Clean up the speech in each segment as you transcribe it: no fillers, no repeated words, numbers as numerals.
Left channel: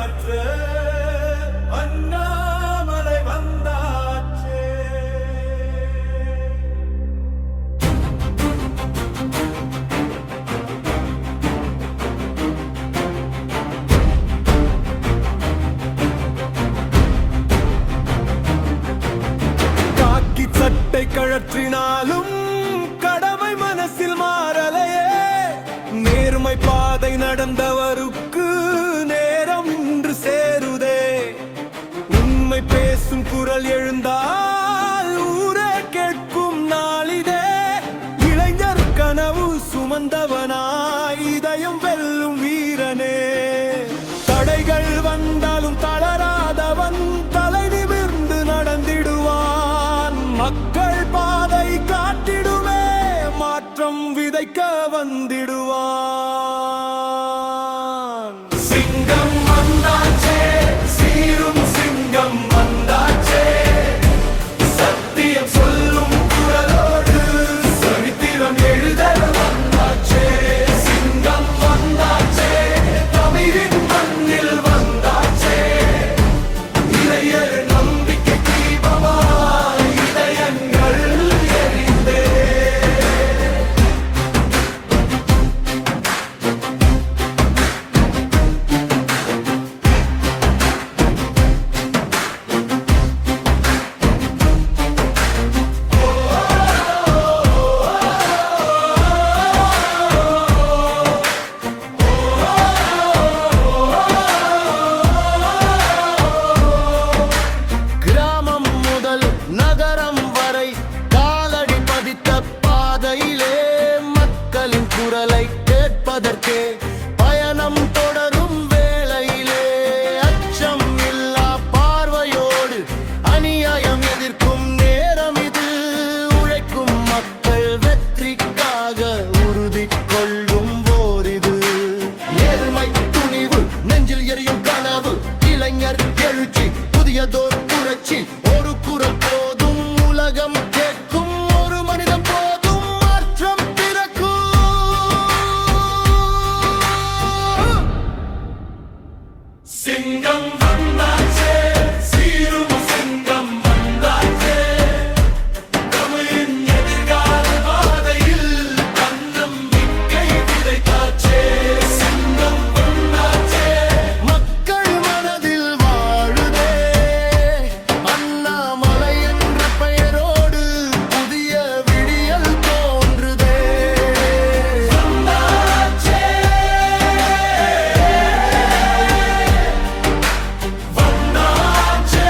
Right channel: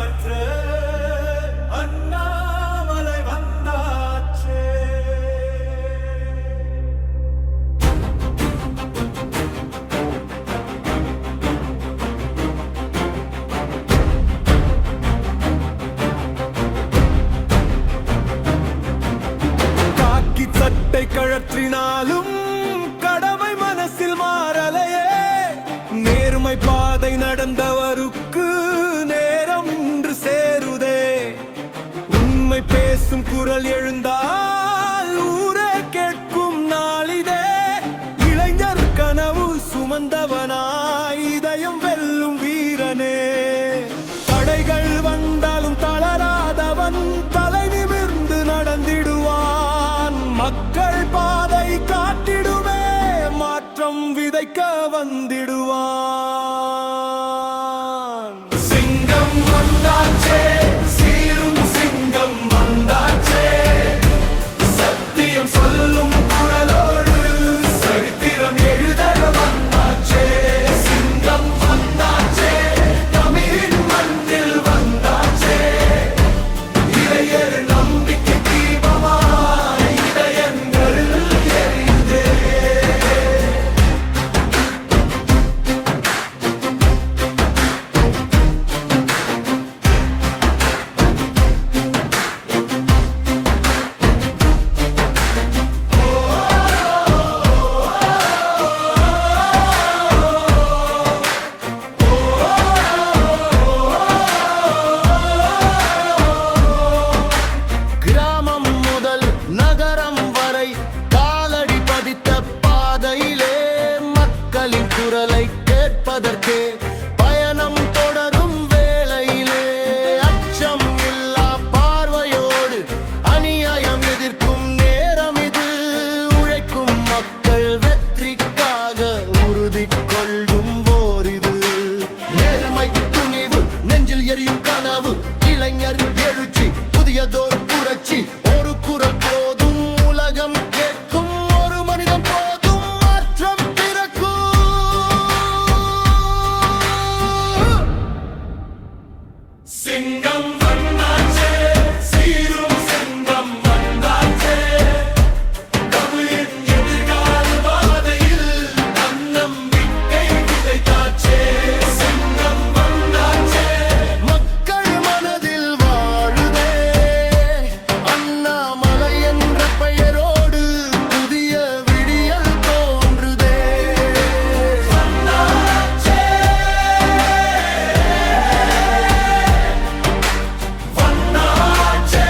காற்று அண்ணாமலை வந்தாச்சே. காக்கி சட்டை கழற்றினாலும் கடமை மனசில் மாறலையே. நேர்மை பாதை நடந்தவருக்கு நேரம் இன்று சேருதே. உண்மை பேசும் குரல் எழுந்தால் ஊரே கேட்கும் நாளிதே. இளைஞர் கனவு சுமந்தவனாய் இதயம் வெல்லும் வீரனே. தடைகள் வந்தாலும் தளராதவன் தலை நிமிர்ந்து நடந்திடுவான். மக்கள் பாதை காட்டிடுவே மாற்றம் விதைக்க வந்திடுவான். சிங்கம் வந்தாச்சே, சீரும் சிங்கம் வந்தாச்சே. சத்தியம் சொல்லும் குரலோடு சரித்திரம் எழுத வந்தாச்சே. சிங்கம் வந்தாச்சே, தமிழின் மண்ணில் வந்தாச்சே. இளையர் நம்பிக்கை தீபமாய் இதயங்கள் எரிந்தே. கிராமம் முதல் நகரம் வரை காலடி பதித்த பாதையிலே மக்களின் குரலை கேட்பதற்கே பயணம் தொடரும் வேளையிலே அச்சம் இல்லா பார்வையோடு அநியாயம் எதிர்க்கும் நேரம் இது. உழைக்கும் மக்கள் வெற்றிக்காக உறுதி கொள்ளும் போரிது. நேர்மை துணிவு நெஞ்சில் எரியும் கனவு இளைஞர் எழுச்சி புதியதோர் புரட்சி. ஒரு குரல் போதும் உலகம் கேட்கும் ஒரு மனிதம் போதும் மாற்றம் பிறக்கும். சிங்கம் வந்தாச்சே, சீரும் சிங்கம் வந்தாச்சே. தமிழின் எதிர்கால பாதையில் தன்னம்பிக்கை விதைத்தாச்சே. சிங்கம் வந்தாச்சே, மக்கள் மனதில் வாழுதே. அண்ணாமலை என்ற பெயரோடு புதிய விடியல் தோன்றுதே. வந்தாச்சே, வந்தாச்சே.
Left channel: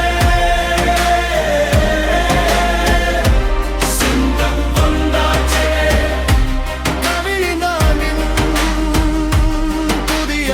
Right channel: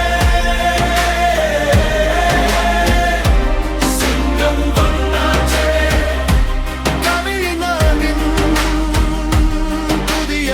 சிங்கம் வந்தாச்சே, தமிழ்நாட்டின் புதிய